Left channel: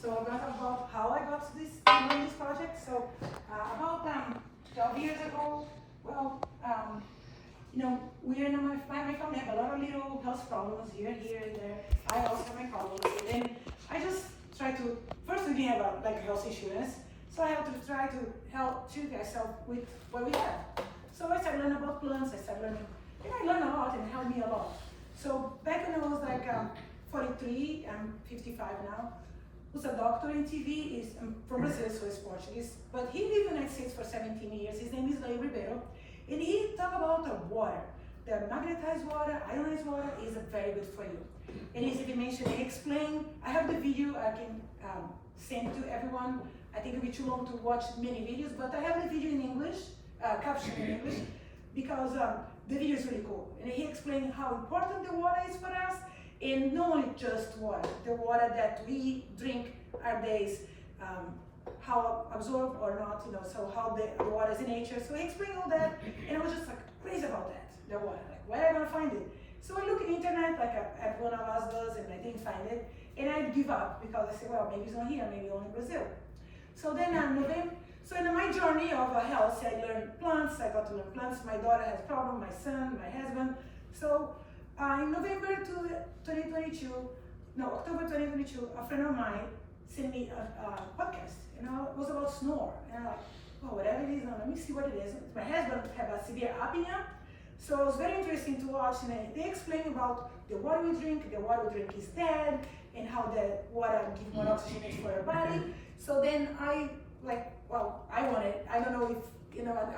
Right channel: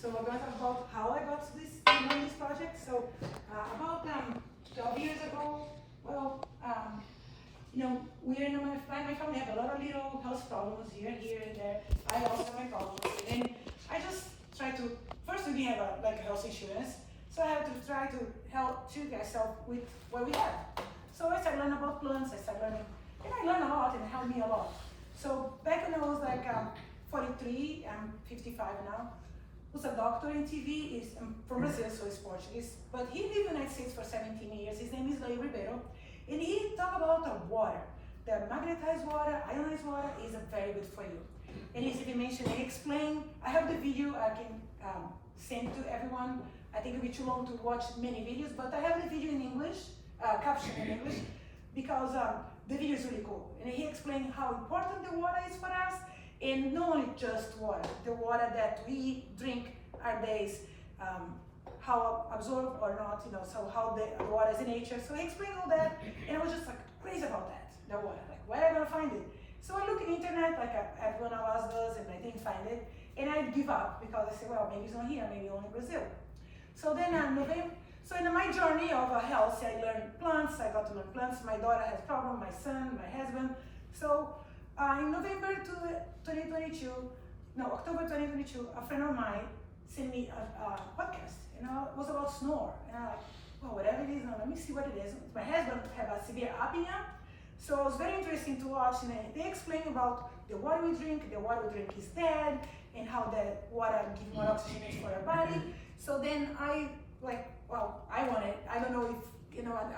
So I'm going to talk about how I got to this project. So about 12 years ago, well, we're in my family have a lot of little health problems here and there. I also have my problems. And I just try to, first we didn't have like health insurance, so I have to try to help treat myself with what we have. So I started learning about plants, I started learning, and I learned a lot and it helped me a lot. So back when I was like 43, I'm 55 now, was a doctor in TV, is from Brazil, so he's Portuguese, but he lived in the United States for 17 years. His name is Leo Ribeiro, and he talked about the water. The magnetized water, ionized water is very good for you. And he mentioned, he explained, I have the video, I can send to everyone. I think it'll be too long to watch many videos, but I have the video in English, caption in English, because the video is really cool. And he explained how important the water is for us, and not only just water, the water that we drink our days, how absorbed or not, so how the water is in nature. So he explained all that, and I was just like crazy about that water. Like, where am I gonna find it? So I look at the internet, like everyone of us does, and I didn't find it. And I give up because I said, well, maybe it's not here, maybe only in Brazil. So then so in my journey of health, I learned plants, I got to learn plants. My daughter has a problem, my son, my husband. So in November 2022, October 2022, a friend of mine sent me a podcast, it was about snore. And I'm like, well, whatever it is, let me see what it is. My husband had a severe apnea, so it was very interesting to watch, and they explain about the water we drink is dead, and how the water gives more oxygen for your body. So then I want it. I don't know if,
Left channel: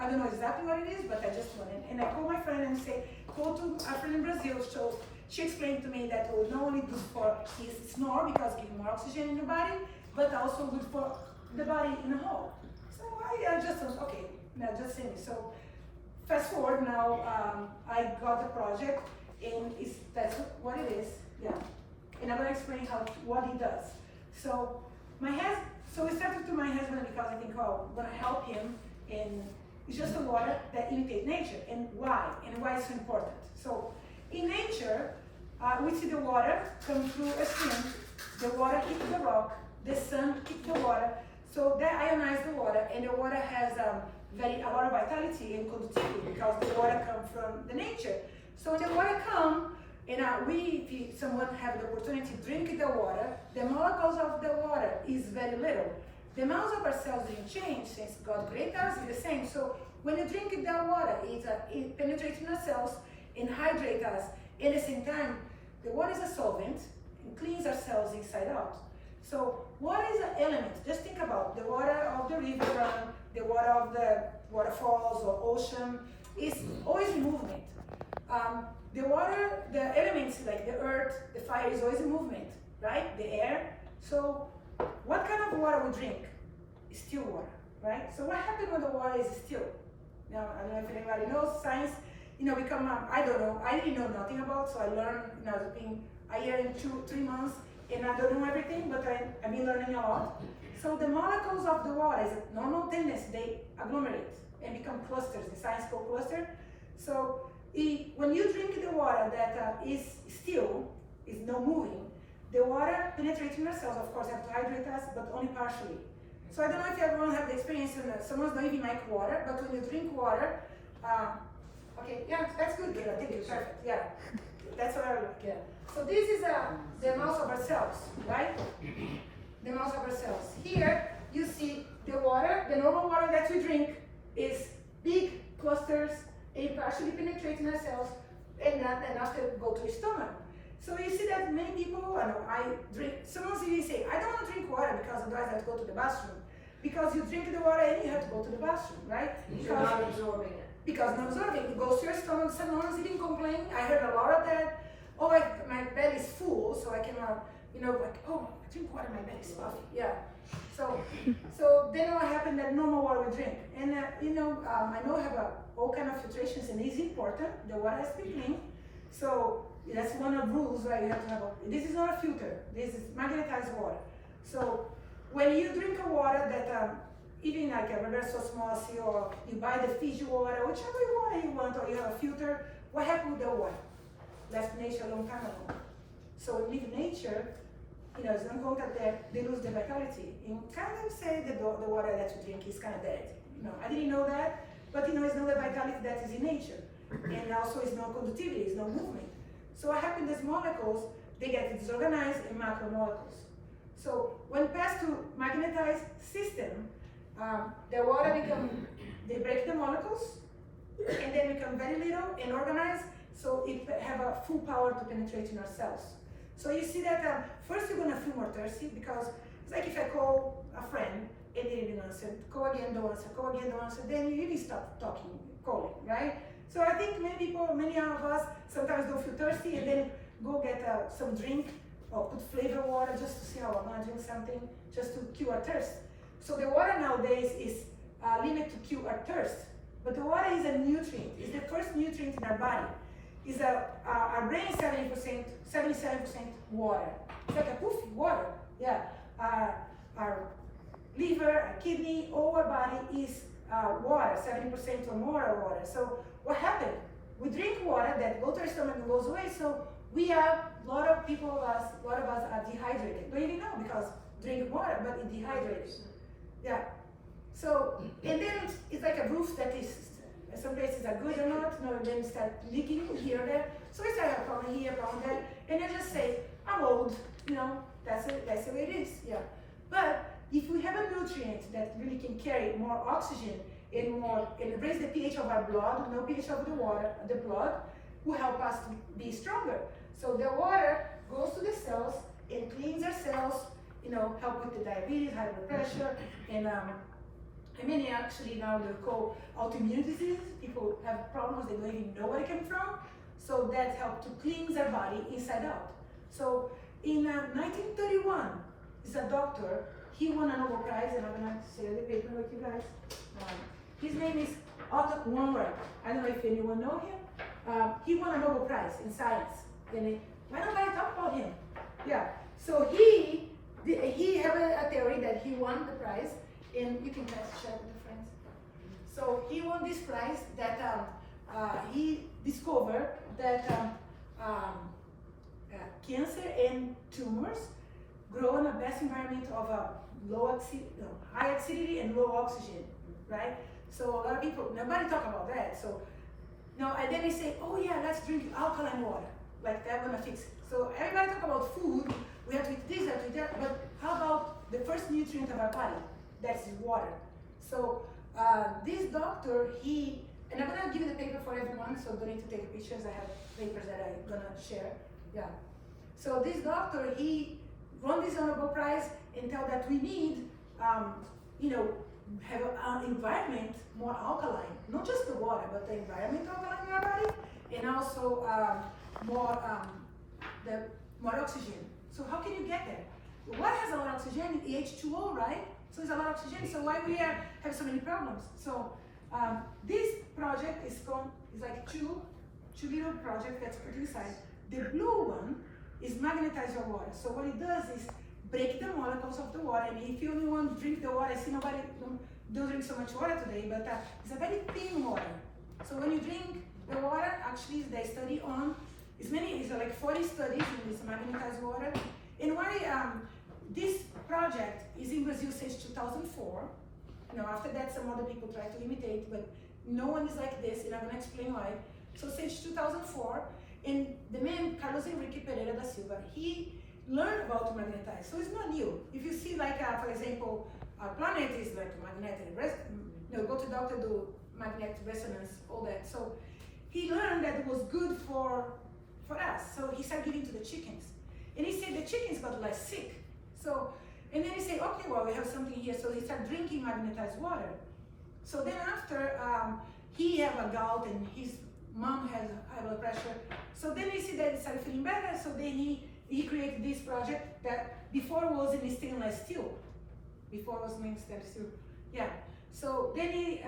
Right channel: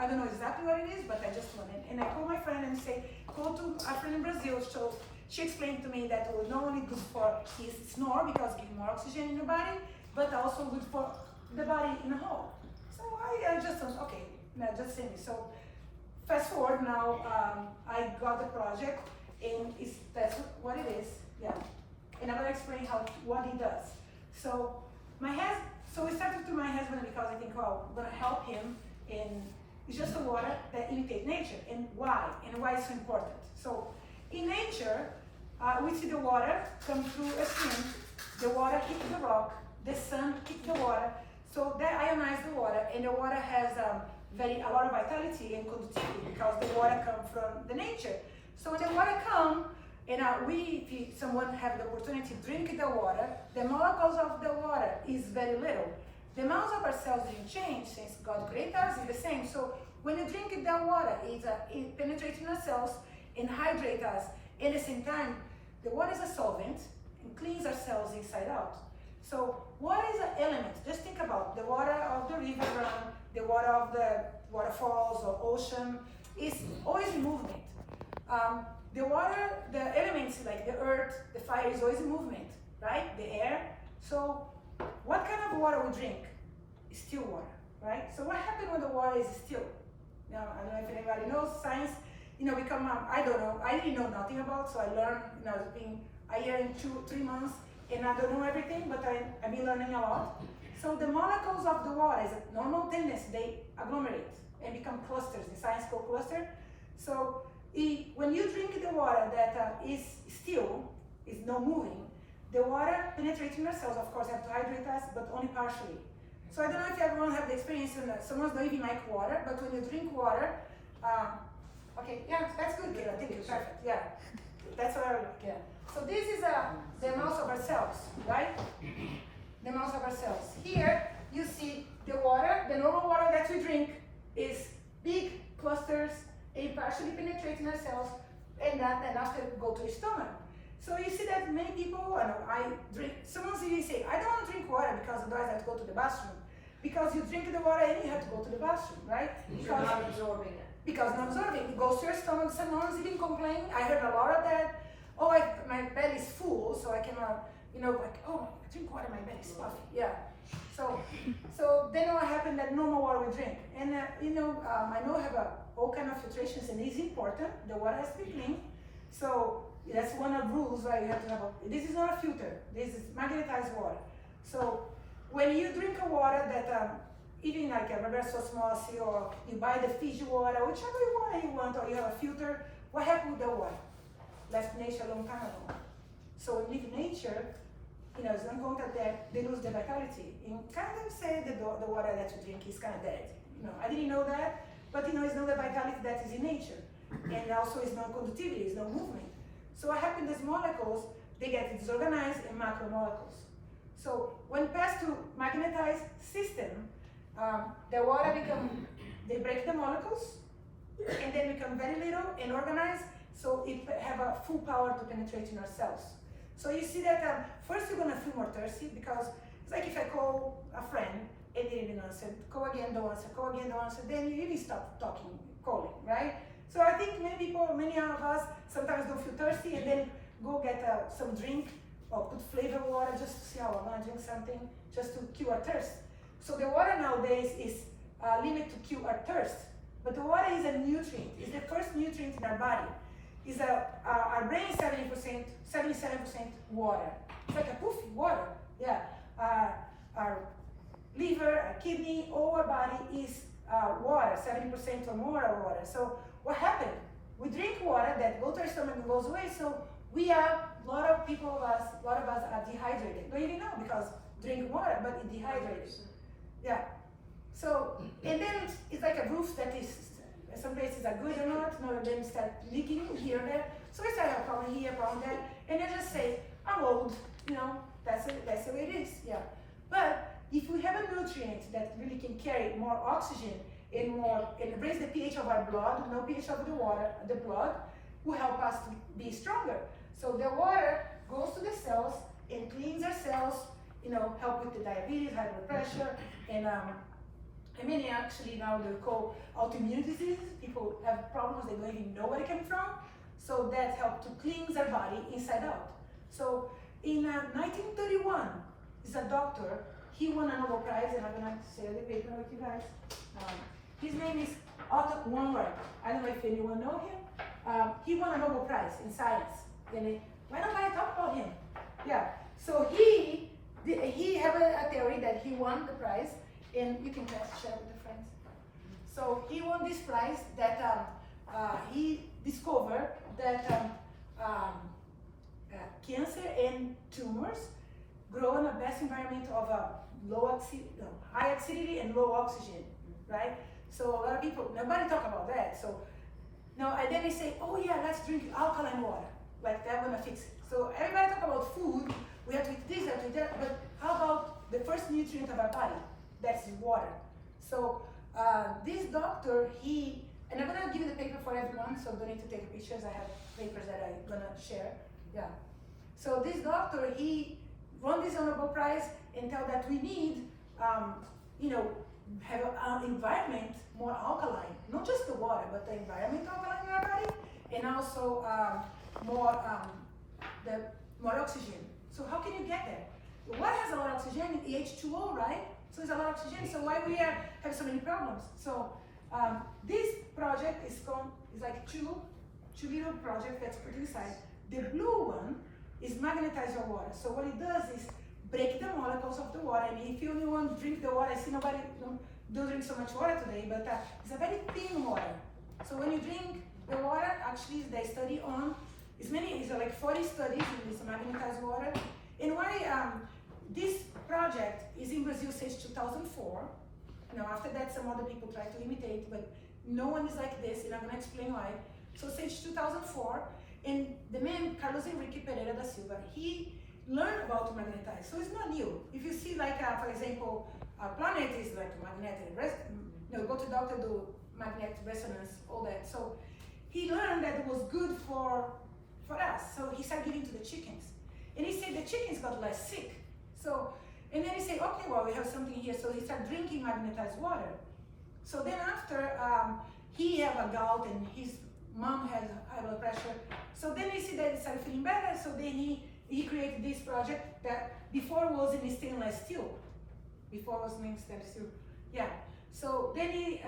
I don't know exactly what it is, but I just want it. And I call my friend and say, go to a friend in Brazil. So she explained to me that it was not only good for his snore because it gives more oxygen in the body, but also good for the body in a whole. So I just thought, okay, now just send me. So fast forward now, I got the project, and that's what it is, yeah. And I'm gonna explain what he does. So we started to my husband because I think, well, I'm gonna help him, and it's just a water that imitates nature, and why it's so important. So in nature, we see the water come through a stream, the water hits the rock, the sun hits the water, so that ionizes the water, and the water has a lot of vitality and conductivity because the water comes from the nature. So when the water comes, and if someone have the opportunity to drink the water, the molecules of the water is very little. The amounts of our cells didn't change since God created us, is the same. So when you drink that water, it penetrates in our cells and hydrates us. At the same time, the water is a solvent and cleans our cells inside out. So what is an element? Just think about the water of the river, the water of the waterfalls or ocean is always movement. The water, the elements like the earth, the fire is always in movement, right? The air. So what kind of water we drink? Still water, right? So what happens when the water is still? Now, I don't know if anybody knows science, I don't know, I didn't know nothing about, so I learned, it's been a year and 3 months, and I don't know everything, but I've been learning a lot. So the molecules of the water is a normal tendency, they agglomerate and become clusters, the science called cluster. So when you drink the water that is still, is not moving, the water penetrates in our cells, of course, have to hydrate us, but only partially. So I don't know if everyone have the experience in that. Someone don't even like water, but when you drink water, okay, yeah, that's good, Gila, thank you, perfect, yeah. That's what I look, yeah. So this is the amounts of our cells, right? The amounts of our cells. Here, you see the water, the normal water that we drink is big clusters, it partially penetrates in our cells, and then after go to the stomach. So you see that many people, I drink, someone even say, I don't want to drink water because otherwise I have to go to the bathroom. Because you drink the water and you have to go to the bathroom, right? Because you're not absorbing it. Because not absorbing, it goes to your stomach. Someone's even complain. I heard a lot of that. Oh, my belly is full, so I cannot, like, oh, I drink water, my belly is puffy. Yeah. So then what happened that normal water we drink. And I know I have all kind of filtrations, and it's important. The water has to be clean. So that's one of the rules why you have to have this is not a filter. This is magnetized water. So when you drink a water that even like a reverse osmosis, or you buy the Fiji water, whichever water you want, or you have a filter, what happened with the water? Left nature a long time ago. So in nature, it's not going that they lose their vitality. You kind of say that the water that you drink is kind of dead. I didn't know that, but it's not the vitality that is in nature. And also it's no conductivity, it's no movement. So what happens, these molecules, they get disorganized in macromolecules. So when passed to magnetized system, the water they break the molecules, and then become very little and organized, so it have a full power to penetrate in our cells. So you see that first you're gonna feel more thirsty, because it's like if I call a friend and they didn't answer, call again, don't answer, then you even stop calling, right? So I think many of us sometimes don't feel thirsty and then go get some drink or put flavored water just to see how I'm gonna drink something, just to cure our thirst. So the water nowadays is limited to cure our thirst, but the water is a nutrient. It's the first nutrient in our body. Our brain is 77% water. It's like a poof, water. Yeah. Our liver, our kidney, all our body is water, 70% or more water. So what happened? We drink water that goes to our stomach and goes away. So a lot of us are dehydrated. Don't even know, because drink water, but it dehydrates. Yeah. So, and then it's like a roof that is, some places are good or not, and then start leaking here and there. So it's like a problem here, problem there, and then just say, I'm old, that's the way it is, yeah. But if we have a nutrient that really can carry more oxygen and raise the pH of our blood, no pH of the blood, will help us to be stronger. So the water goes to the cells and cleans our cells, help with the diabetes, high blood pressure, and many actually now they call autoimmune diseases. People have problems they don't even know where it came from. So that helped to cleanse their body inside out. So in 1931, is a doctor, he won a Nobel Prize, and I'm gonna share the paper with you guys. His name is Otto Warburg. I don't know if anyone know him. He won a Nobel Prize in science. And why don't I talk about him? Yeah. So he have a theory that he won the prize, and you can share with your friends. So he won this prize that he discovered that cancer and tumors grow in the best environment of high acidity and low oxygen, right? So a lot of people, nobody talk about that. So now, and then they say, oh yeah, let's drink alkaline water. Like that gonna fix it. So everybody talk about food, we have to eat this, have to eat that, but how about the first nutrient of our body? That's water. So this doctor, and I'm gonna give you the paper for everyone, so don't need to take pictures. I have papers that I'm gonna share. Yeah. So this doctor, he won this Nobel Prize and tell that we need, have an environment more alkaline, not just the water, but the environment alkaline in our body, and also more oxygen. So how can you get there? The water has a lot of oxygen, H2O, right? So there's a lot of oxygen, so why we have so many problems? So this project is like two little projects that's put inside. The blue one is magnetize your water. So what it does is break the molecules of the water. And if you only want to drink the water, I see nobody don't drink so much water today, but it's a very thin water. So when you drink the water, actually they study on, it's like 40 studies in this magnetized water. And why this project is in Brazil since 2004. After that some other people try to imitate, but no one is like this, and I'm gonna explain why. So since 2004, and the man, Carlos Henrique Pereira da Silva, he learned about to magnetize. So it's not new. If you see like, for example, our planet is like magnetic, go to doctor, do magnetic resonance, all that. So he learned that it was good for us. So he started giving to the chickens. And he said the chickens got less sick. So, and then he said, okay, well, we have something here. So he started drinking magnetized water. So then after, he had a gout and his mom had high blood pressure. So then he said that he started feeling better. So then he created this project that before was in stainless steel. Before was in stainless steel. Yeah. So then he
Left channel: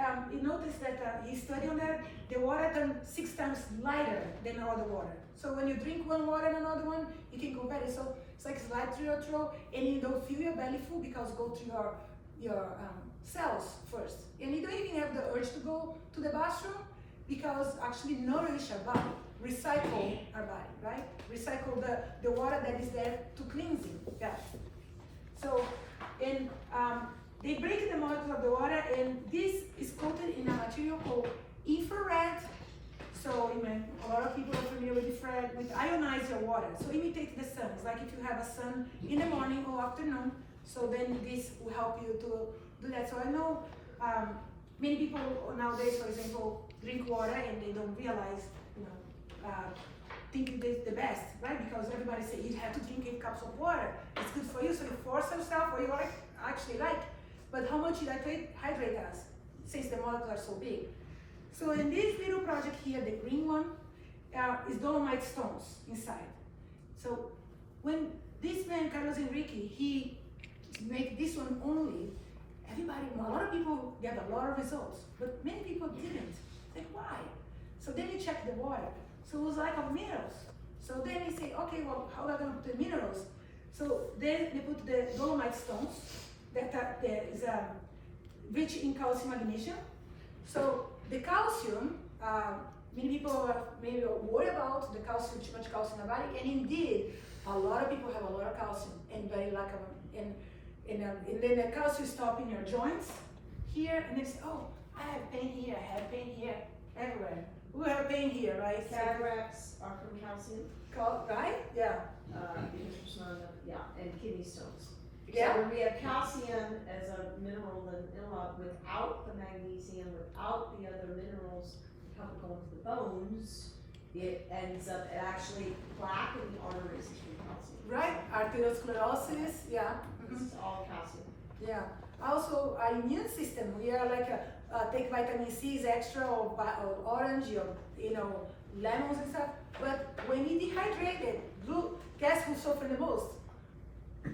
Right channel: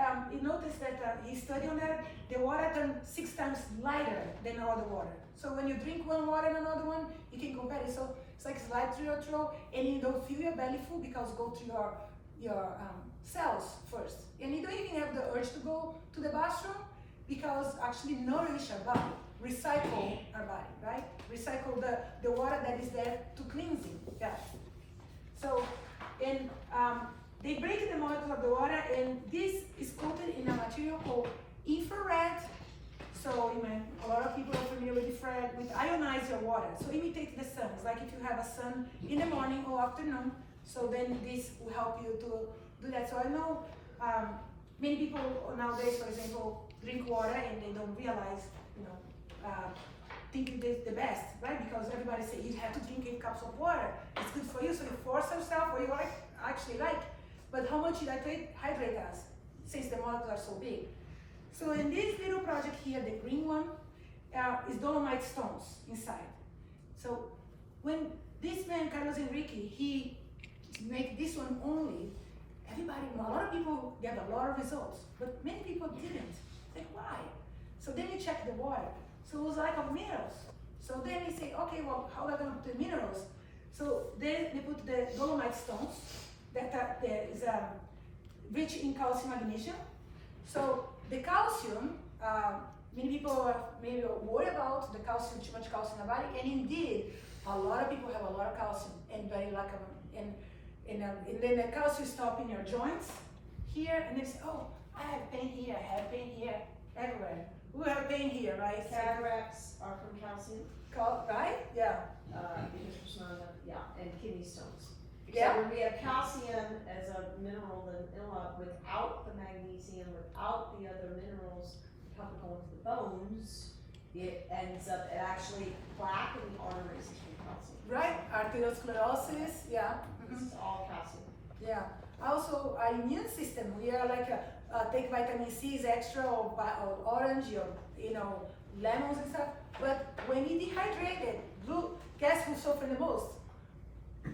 noticed that he studied on that, the water turned 6 times lighter than other water. So when you drink one water and another one, you can compare it. So it's like slide through your throat, and you don't feel your belly full because go to your cells first. And you don't even have the urge to go to the bathroom because actually nourish your body. recycle our body, right? Recycle the water that is there to cleansing. Yeah. So, and they break the molecules of the water, and this is coated in a material called infrared. So, a lot of people are familiar with infrared, with ionized water. So, imitate the sun. It's like if you have a sun in the morning or afternoon. So then this will help you to do that. So I know many people nowadays, for example, drink water and they don't realize, think it's the best, right? Because everybody says you have to drink 8 cups of water. It's good for you, so you force yourself, or you actually like. But how much it hydrate us, since the molecules are so big? So in this little project here, the green one, is dolomite stones inside. So when this man, Carlos Enrique, he make this one only, a lot of people get a lot of results, but many people didn't. Like, why? So then you check the water. So it was like of minerals. So then they say, okay, well, how are we going to put the minerals? So then they put the dolomite stones that is rich in calcium magnesium. So the calcium, many people are maybe worried about the calcium, too much calcium in the body, and indeed, a lot of people have a lot of calcium and very lack of them. And then the calcium stop in your joints here, and they say, oh, I have pain here, I have pain here, everywhere. We have pain here, right? Cataracts are from calcium. Right? Yeah. And kidney stones. Yeah. So when we have calcium as a mineral without the magnesium, without the other minerals that go into the bones, it ends up actually plaque in the arteries is from calcium. Right? Arteriosclerosis, yeah. This is all calcium. Yeah. Also, our immune system, we are like take vitamin C's extra or orange or lemons and stuff. But when we dehydrated, guess who suffer the most?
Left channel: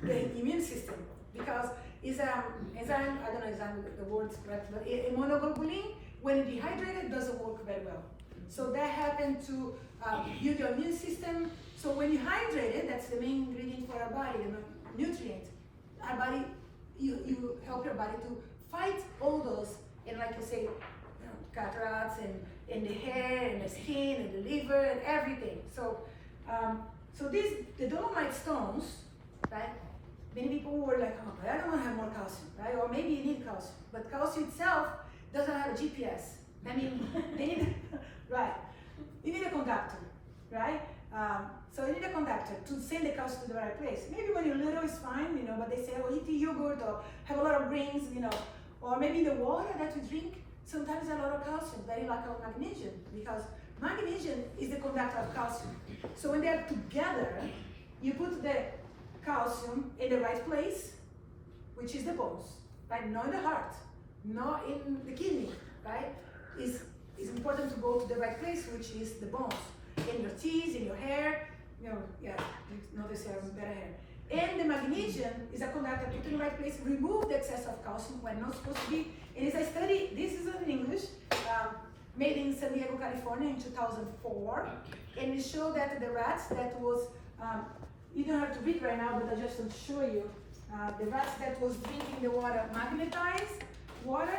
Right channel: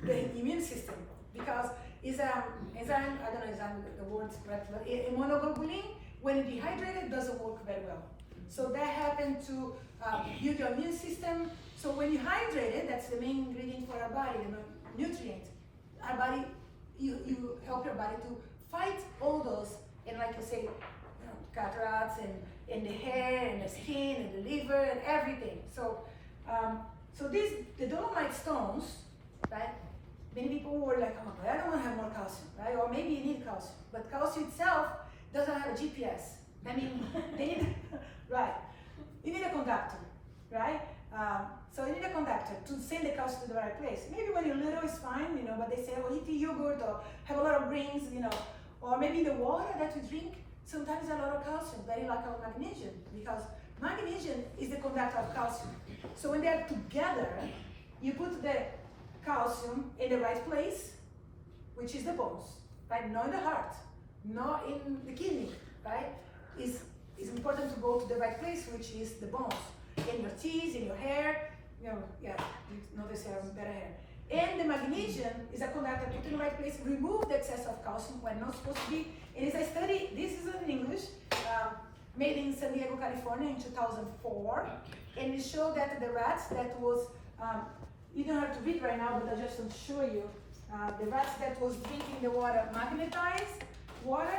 The immune system, because it's enzyme. I don't know the words correct, but immunoglobulin, when it dehydrated, doesn't work very well. So that happened to build your immune system. So when you hydrate it, that's the main ingredient for our body, the nutrient. Our body, you help your body to fight all those, and like you say, cataracts and the hair and the skin and the liver and everything. So, the dolomite stones, right? Many people were like, oh, but I don't want to have more calcium, right? Or maybe you need calcium, but calcium itself doesn't have a GPS. I mean, they need, right? You need a conductor, right? So you need a conductor to send the calcium to the right place. Maybe when you're little it's fine, but they say, oh, eat the yogurt or have a lot of greens, or maybe the water that you drink, sometimes a lot of calcium, very lack of magnesium, because magnesium is the conductor of calcium. So when they're together, you put the calcium in the right place, which is the bones, right? Not in the heart, not in the kidney, right? It's important to go to the right place, which is the bones, in your teeth, in your hair, notice I have better hair. And the magnesium is a conductor, put in the right place, remove the excess of calcium when not supposed to be. And it's a study, this is in English, made in San Diego, California in 2004. And it showed that the rats that was, you don't have to read right now, but I just want to show you, the rats that was drinking the water magnetized water,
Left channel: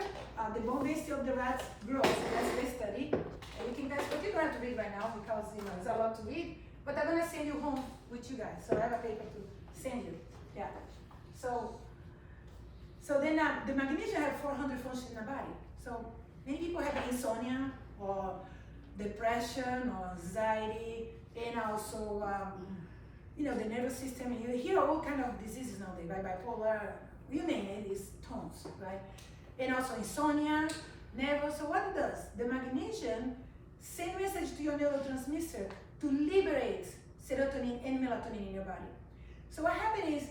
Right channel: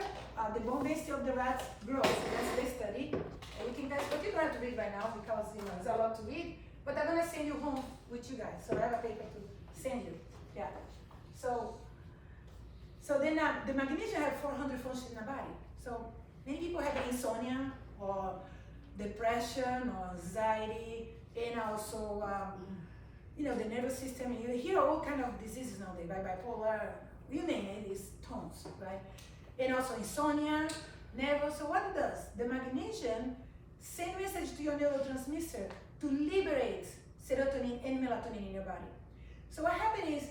the bone density of the rats grows. That's the study. Everything that's, but you don't have to read right now because it's a lot to read. But I'm gonna send you home with you guys. So I have a paper to send you. Yeah. So then the magnesium has 400 functions in the body. So many people have insomnia or depression or anxiety, and also the nervous system. You hear all kind of diseases nowadays, right? Bipolar, you name it, is tons, right? And also insomnia, nervous. So what it does? The magnesium sends message to your neurotransmitter to liberate serotonin and melatonin in your body. So what happened is,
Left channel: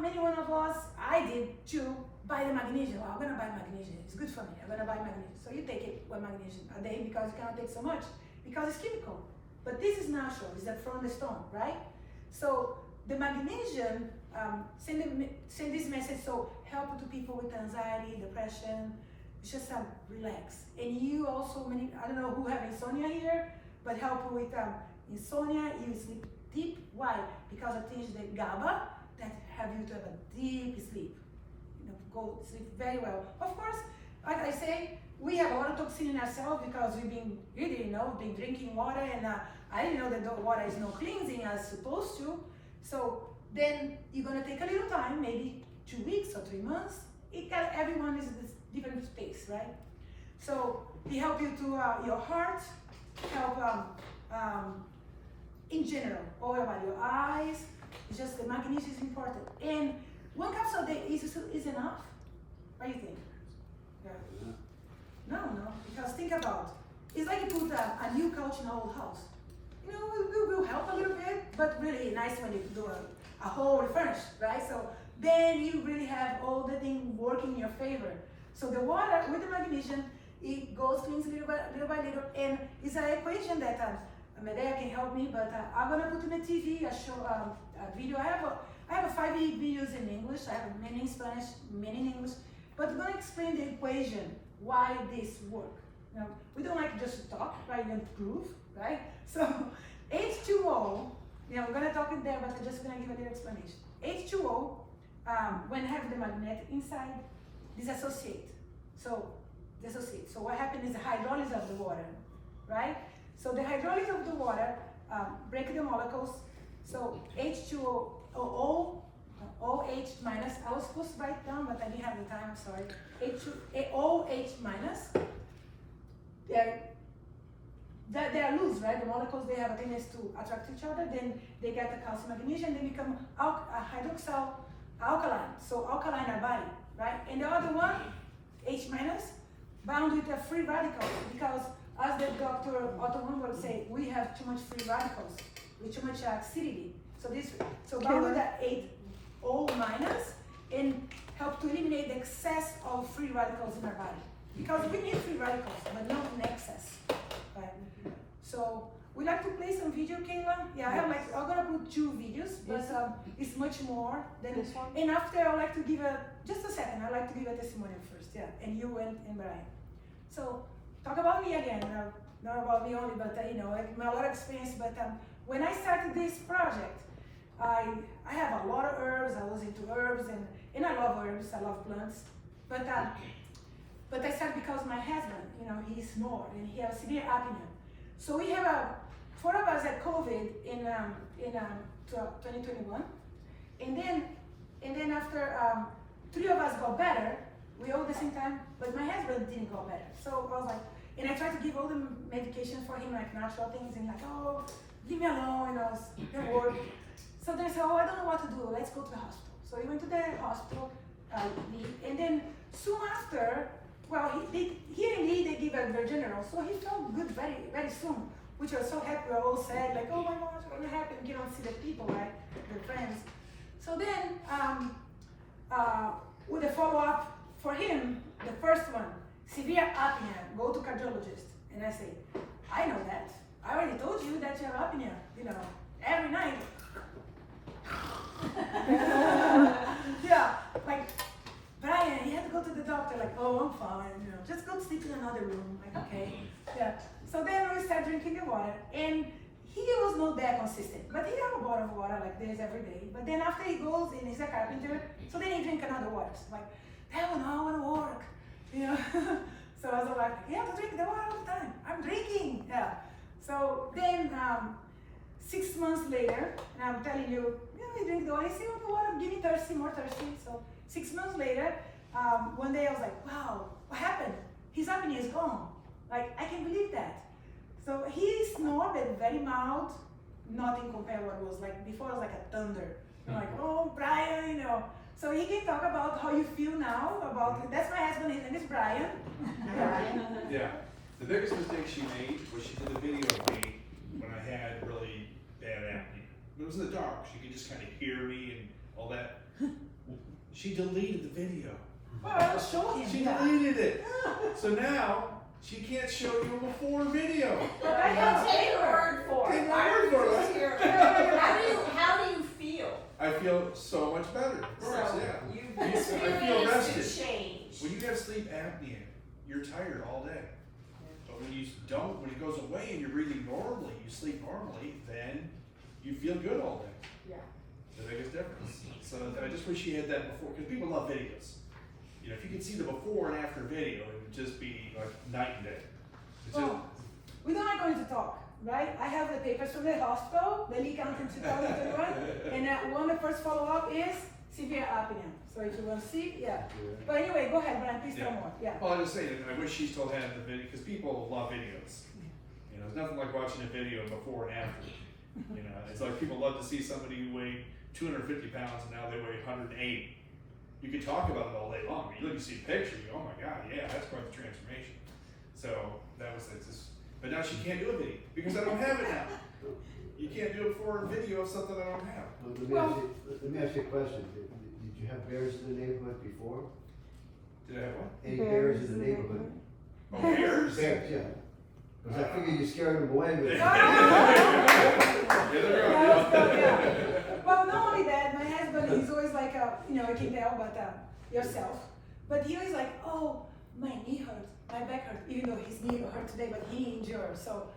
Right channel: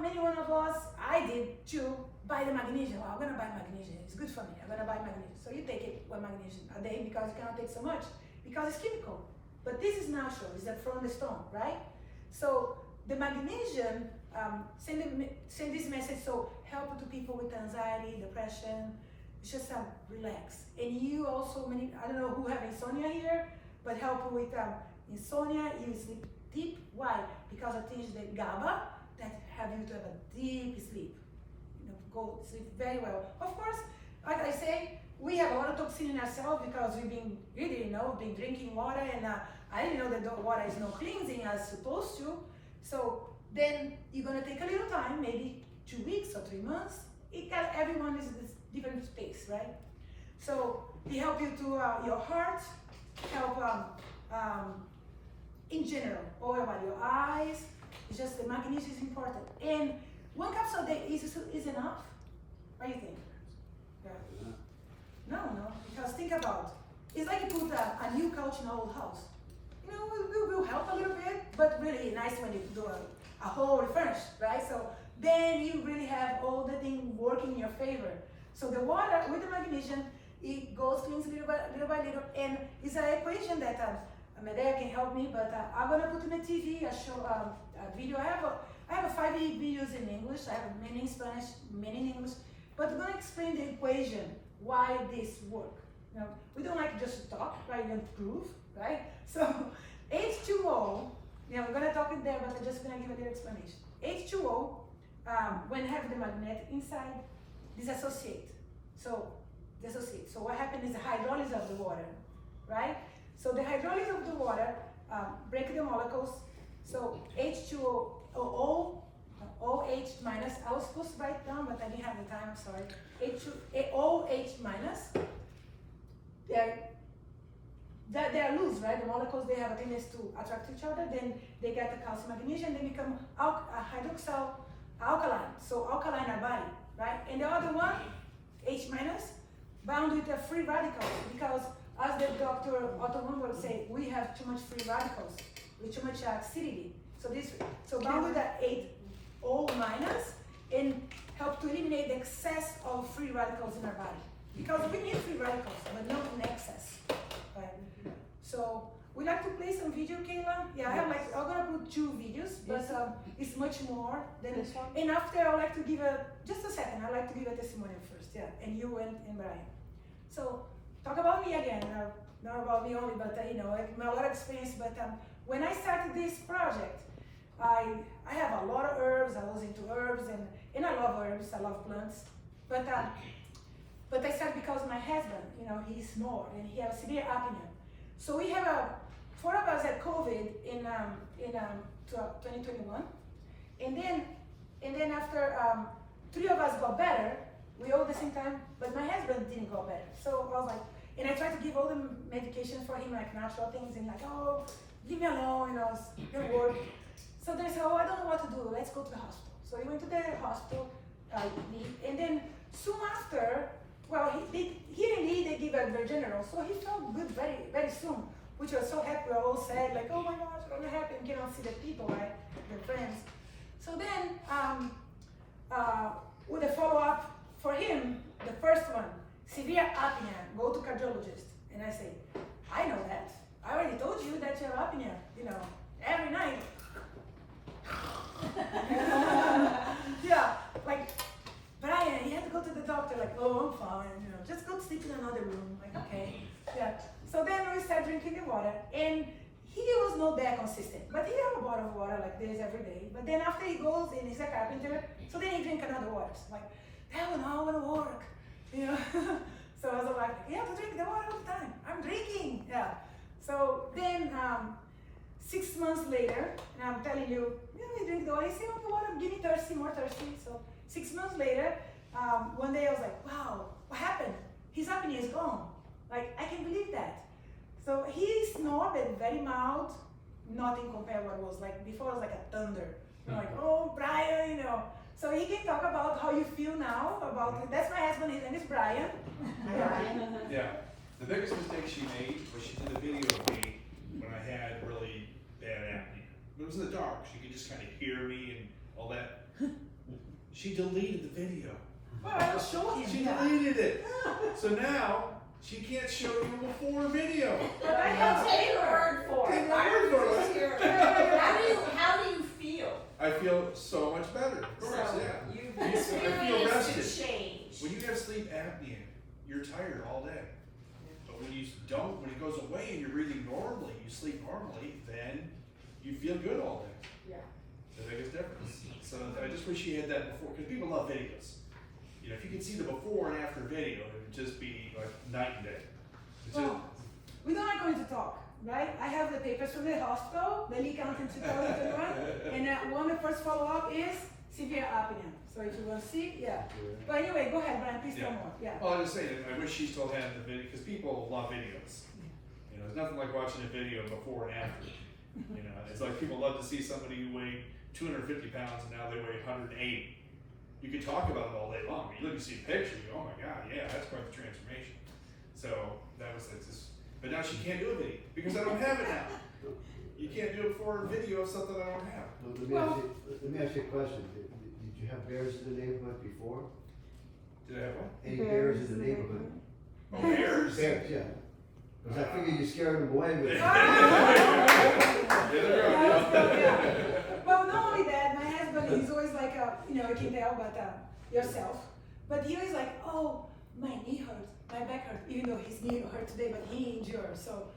many one of us, I did too, buy the magnesium. I'm gonna buy magnesium, it's good for me, I'm gonna buy magnesium. So you take it, 1 magnesium a day, because you cannot take so much, because it's chemical. But this is natural, it's from the stone, right? So the magnesium send this message, so help to people with anxiety, depression, it's just relax. And you also, I don't know who have insomnia here, but help with insomnia, you sleep deep. Why? Because it changes the GABA that have you to have a deep sleep. Go sleep very well. Of course, like I say, we have a lot of toxin in ourselves because we've been, you didn't know, been drinking water, and I didn't know that the water is not cleansing as supposed to. So then you're gonna take a little time, maybe 2 weeks or 3 months. Everyone is in this different space, right? So it help you to your heart, help in general, all about your eyes. It's just the magnesium is important. And 1 capsule a day is enough. What do you think? Yeah. No, because think about it's like you put a new couch in an old house. You know, it will help a little bit, but really nice when you do a whole refurnish, right? So then you really have all the things working in your favor. So the water with the magnesium, it goes cleans little by little, and it's an equation that Medea can help me, but I'm gonna put in the TV a show, a video. I have 5 videos in English. I have many in Spanish, many in English, but I'm gonna explain the equation why this work. You know, we don't like just to talk, right? And prove, right? So H2O. Yeah, we're gonna talk in there, but I'm just gonna give a little explanation. H2O, when have the magnet inside, dissociate. So what happens is the hydrolysis of the water, right? So the hydrolysis of the water break the molecules. So H2O, OH minus. I was supposed to write down, but I didn't have the time. I'm sorry. OH minus. They're loose, right? The molecules, they have a tendency to attract each other. Then they get the calcium magnesium. They become hydroxyl alkaline. So alkaline our body, right? And the other one, H minus, bound with a free radicals, because as the Dr. Otto Lundberg say, we have too much free radicals with too much acidity. So bound with that 8O minus and help to eliminate the excess of free radicals in our body. Because we need free radicals, but not in excess. Right? So we like to play some video, Kayla. Yeah, I'm gonna put 2 videos, but it's much more than this one. And after I like to give just a second. I like to give a testimonial first, yeah. And you and Brian. So talk about me again. Not about me only, but you know, a lot of experience. But when I started this project, I have a lot of herbs. I was into herbs, and I love herbs. I love plants. But I started because my husband, you know, he snored and he has severe apnea. So we have 4 of us had COVID in 2021, and then after 3 of us got better. We all at the same time, but my husband didn't go better. So I was like, and I tried to give all the medication for him, like natural things, and like, oh, leave me alone, you know, it didn't work. So they said, oh, I don't know what to do. Let's go to the hospital. So we went to the hospital, and then soon after. Well, here in Lee, they give a general, so he felt good very, very soon, which was so happy. We were all sad, like, oh my gosh, what's going to happen? You cannot see the people, right? Their friends. So then, with a follow-up for him, the first one, severe apnea, go to cardiologist. And I say, I know that. I already told you that you have apnea, you know, every night. Yeah, like, Brian, he had to go to the doctor, like, oh, I'm fine, you know, just go sleep in another room. Like, okay, yeah. So then we started drinking the water, and he was not that consistent, but he had a bottle of water like this every day. But then after he goes and he's a carpenter, so then he drink another water. So like, that one, I want to work, you know. So I was like, you have to drink the water all the time. I'm drinking, yeah. So then 6 months later, and I'm telling you, you drink the water. You see, oh, the water, give me thirsty, more thirsty. So 6 months later, one day I was like, wow, what happened? His apnea is gone. Like, I can't believe that. So he snored very mild, nothing compared what it was like before. It was like a thunder. I'm like, oh, Brian, you know. So he can talk about how you feel now about, that's my husband, his name is Brian. Yeah, the biggest mistake she made was she did a video of me when I had really bad apnea. It was in the dark, she could just kind of hear me and all that. She deleted the video. Well, I'll show him. She deleted it. So now, she can't show you a before video. But I can Take your word for it. Take my word for it. How do you feel? I feel so much better, of course, So yeah. you've I feel experienced rested. a change. When you have sleep apnea, you're tired all day. But when you don't, when it goes away and you're breathing normally, you sleep normally, then you feel good all day. Yeah. The biggest difference. So I just wish you had that before, because people love videos. you know, if you could see the before and after video, it would just be like night and day. It's just, Well, we're not going to talk, right? I have the papers from the hospital, the leak out in 2021, and one of the first follow-up is severe apnea. So if you want to see, yeah. But anyway, go ahead, Brian, please tell more, yeah. well, I was just saying, I wish she still had the video, because people love videos. You know, there's nothing like watching a video before and after. You know, it's like people love to see somebody who weighed 250 pounds and now they weigh 180. You could talk about it all day long. You look and see a picture, you go, oh my God, yeah, that's quite the transformation. So that was just, but now she can't do a video because I don't have it now. You can't do it for a video of something I don't have. Well, let me ask you a question. Did you have bears in the neighborhood before? Did I have one? Any bears in the neighborhood? Oh, bears? Bears, yeah. Because I figured you scared them away with Well, not only that, my husband, he's always like, you know, I can tell, but yourself. But he always like, oh, my knee hurts, my back hurts, even though his knee hurt today, but he endured, so,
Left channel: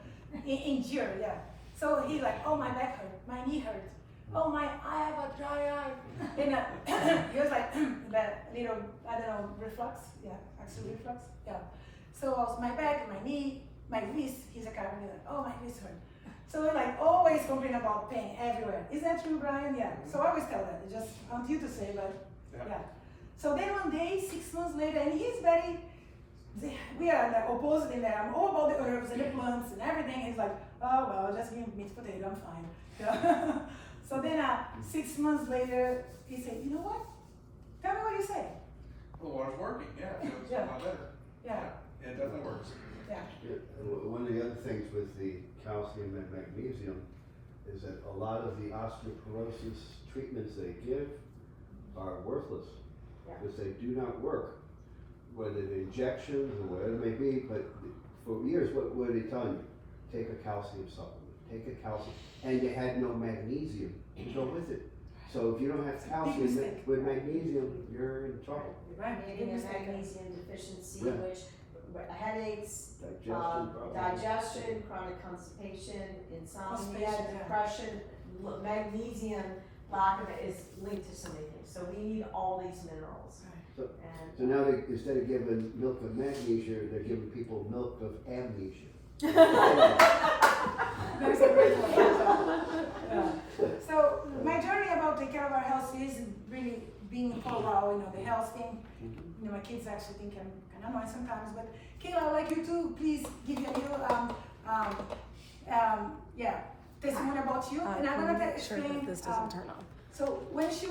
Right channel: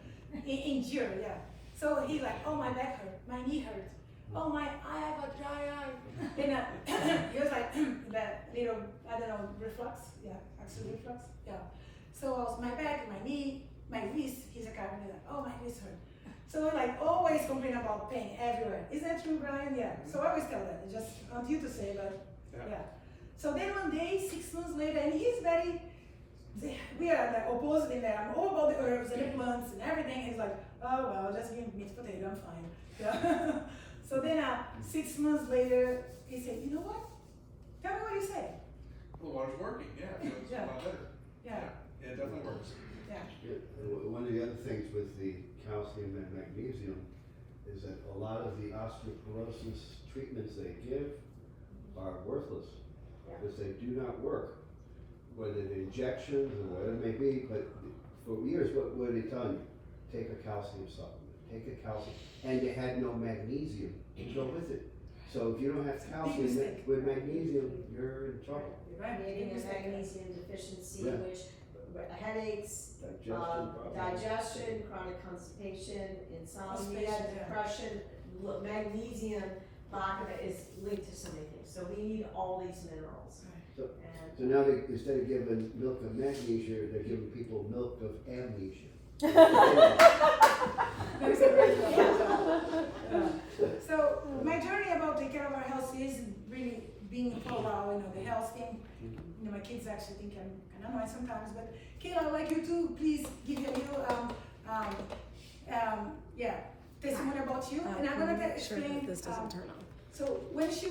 endure, yeah. So he's like, oh, my back hurts, my knee hurts, oh, I have a dry eye. And he was like, that little, I don't know, reflux, yeah, actual reflux, yeah. So also my back, my knee, my wrist, he's a chiropractor, like, oh, my wrist hurt. So we're like always complaining about pain everywhere. Is that true, Brian? Yeah. So I always tell that. It's just on you to say, but yeah. So then one day, 6 months later, and he's very, we are like opposite in there. I'm all about the herbs and the plants and everything. And he's like, oh, well, just give me meat potato, I'm fine. Yeah. So then 6 months later, he said, you know what? Tell me what you say. Well, water's working, yeah, it feels a lot better. Yeah. It definitely works. Yeah. One of the other things with the calcium and magnesium is that a lot of the osteoporosis treatments they give are worthless because they do not work, whether they're injections or whatever it may be. But for years, what were they telling you? Take a calcium supplement, take a calcium, and you had no magnesium to go with it. So if you don't have calcium with magnesium, you're in trouble. Getting a magnesium deficiency, Yeah. which headaches, digestion, chronic constipation, insomnia, depression, magnesium lack of it is linked to so many things. So we need all these minerals. So now they, instead of giving milk of magnesia, they're giving people milk of amnesia. That's a great one. Yeah. So my journey about taking care of our health is really being for a while, you know, the health thing. You know, my kids actually think I'm kind of annoying sometimes, but Kayla, I would like you to please give you a little, testimony about you, and I'm gonna explain. Sure that this doesn't turn on. So when she